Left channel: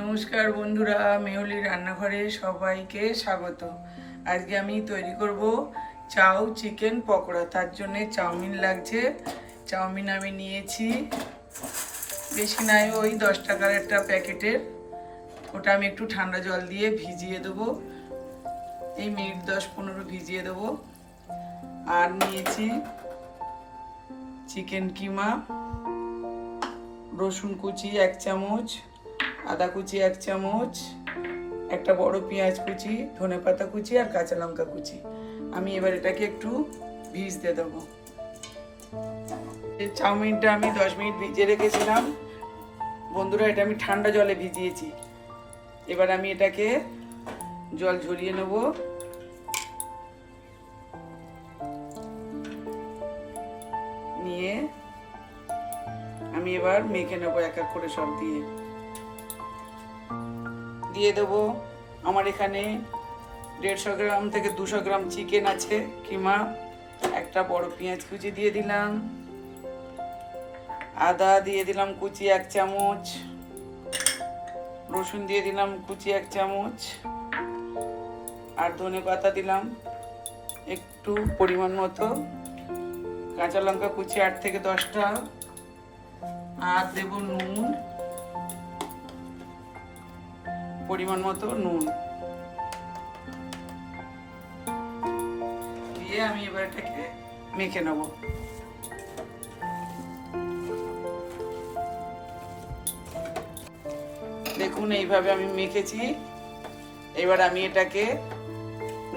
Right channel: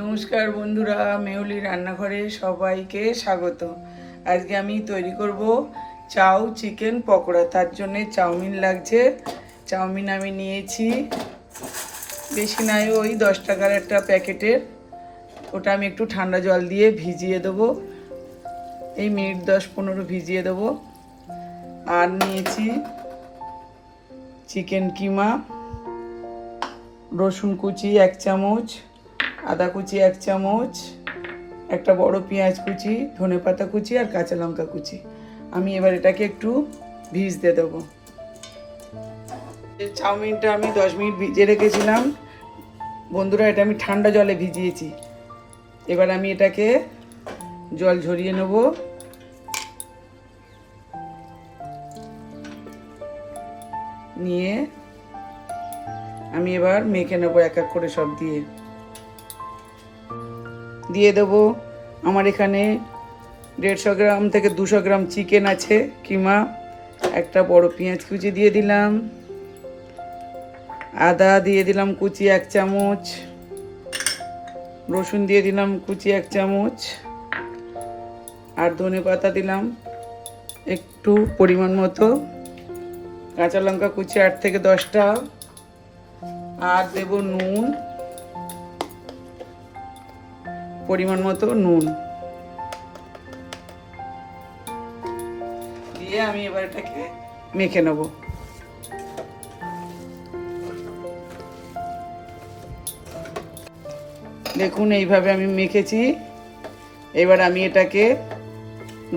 নমস্কার বন্ধুরা, মেহুলি রান্নাঘরে সবাইকে স্বাগত। আজকে আমি তৈরি করব চাউ চিকেন পকোড়া। তার জন্য চাউমিন লাগছে। চাউমিন আমি নিয়েছি, বেশি নাই, ওই 10 টাকার একটা প্যাকেটের। ওটা আমি একটু ঠান্ডা জল দিয়ে ভিজিয়ে দেবো, এই মিনিট 10-15 ভিজিয়ে দেবো। আর নিয়েছি চিকেন কিমা, রসুন কুচি 1 চামচ, আদা কুচি 1 চামচ, একটা বড় পেঁয়াজ কুচি, ধনেপাতা কুচি আর কাঁচা লঙ্কা কুচি। আমি এবার এটাকে একটু ভিজতে দেবো। চাউমিনটা আমি 10 মিনিট ভিজিয়ে রেখেছিলাম বন্ধুরা, এটা আমি ঠান্ডা জলে ভিজিয়েছি। এবার আমি এটাকে জল ঝরিয়ে নেব। নিয়ে আমি এবার মেখে নেবো এক এক করে সব দিয়ে দেবো। আমার এখানে 150 গ্রাম থেকে 200 গ্রাম চিকেন আছে কিমা। একটা বড় পেঁয়াজ কুচি দিয়ে দিলাম, আদা দিয়ে দিলাম কুচি 1 চামচ, রসুন দিয়ে দিলাম কুচি 1 চামচ, আর ধনে পাতা দিলাম একটু পরিমাণ মতো, কাঁচা লঙ্কা কুচি 8 থেকে 10টা, আর দেব নুন, পরিমাণ মতো নুন দিয়ে আমি এবার এটাকে মেখে নেব। দেখুন এইভাবে আমি মেখেছি। এবার আমি এটাকে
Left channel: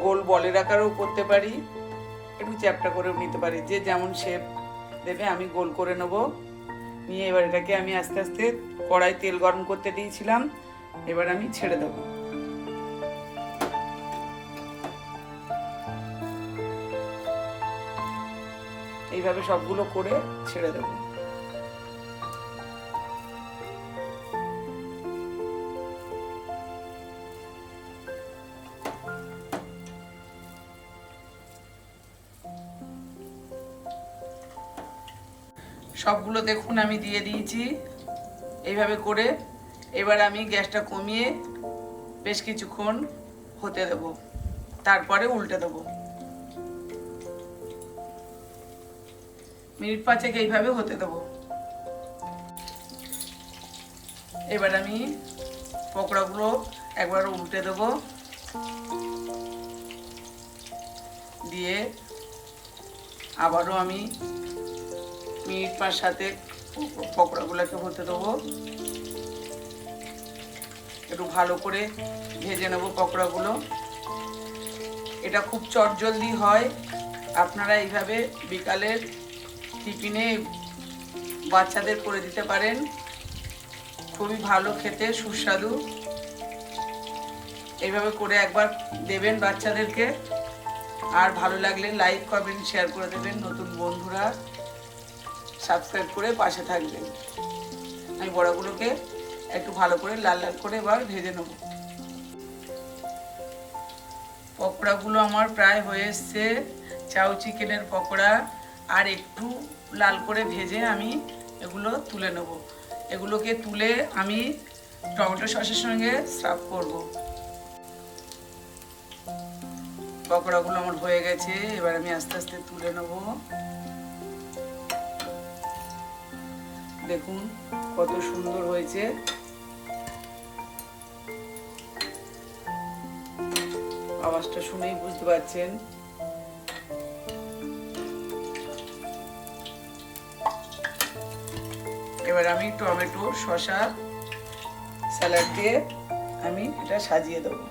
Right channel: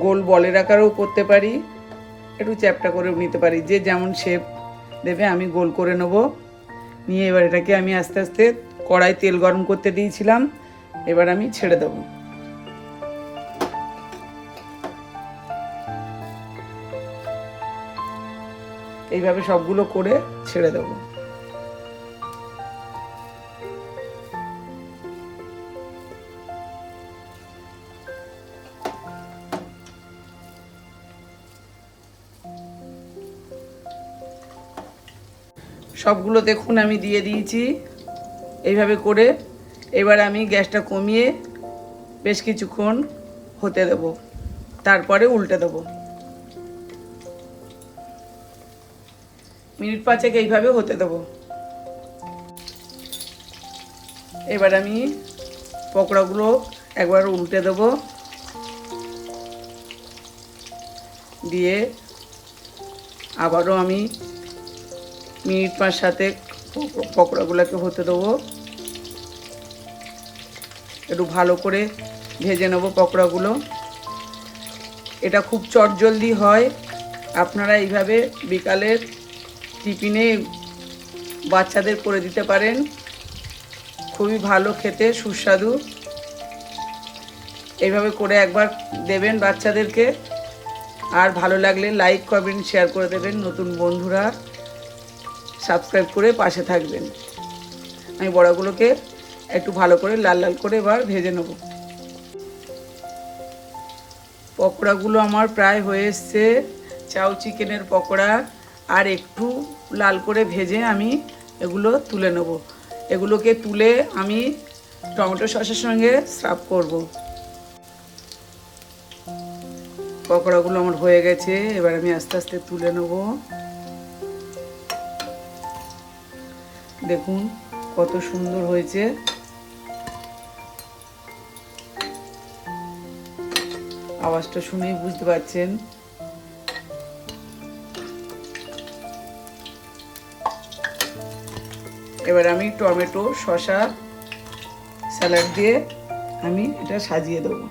গোল বলের আকারেও করতে পারি, একটু চ্যাপটা করেও নিতে পারি, যে যেমন শেপ দেবে। আমি গোল করে নেব। নিয়ে এবার এটাকে আমি আস্তে আস্তে কড়াই তেল গরম করতে দিয়েছিলাম, এবার আমি ছেড়ে দেব। এইভাবে সবগুলো করে ছেড়ে দেব। সবগুলো দেখুন আমি দিয়ে দিয়েছি এইভাবে করে। এবার আমি গ্যাসটা কমিয়ে বেশ কিছুক্ষণ হতে দেব, তারপরে উল্টে দেব। মিনিট 5 এইভাবে হতে দেব। এবার আমি পকোড়াগুলো একবার উল্টে দেব, দিয়ে আবারও আমি মিনিট 5-7 পকোড়াগুলোকে হতে দেবো। একটু ভালো করে ভেজে নেবো পকোড়াগুলো। এটা খুব চটজলদি হয়। আপনারা এইভাবে বিকালের টিফিনে বাচ্চাদের করে দিতে পারেন, খুবই ভালো খেতে, সুস্বাদু। এইভাবে করে একবার দেবেন বাচ্চাদেরকে। আর ভালো লাগলে লাইক কমেন্ট শেয়ার করে দেবেন। নতুন বন্ধুরা সাবস্ক্রাইব করে পাশে থাকবেন। আমি বড়াগুলোকে একটু ভালো করে লাল লাল করে এবার ভেজে নেব। পকোড়াগুলো আমার প্রায় হয়ে এসছে, চাউ চিকেনের পকোড়া। আর একটু লাল করে ভেজে আমি এগুলো তুলে নেব। এগুলোকে তুলে আমি টমেটো সসের সঙ্গে সার্ভ করব। পকোড়াগুলো আমার হয়ে গেছে, এবার আমি আস্তে আস্তে তুলে নেব। দেখুন কত সুন্দর হয়েছে। আওয়াজটা শুনেই বুঝতে পারছেন। এবার আমি টমেটো শসা স্যালাড দিয়ে আমি এটা সাজিয়ে দেবো।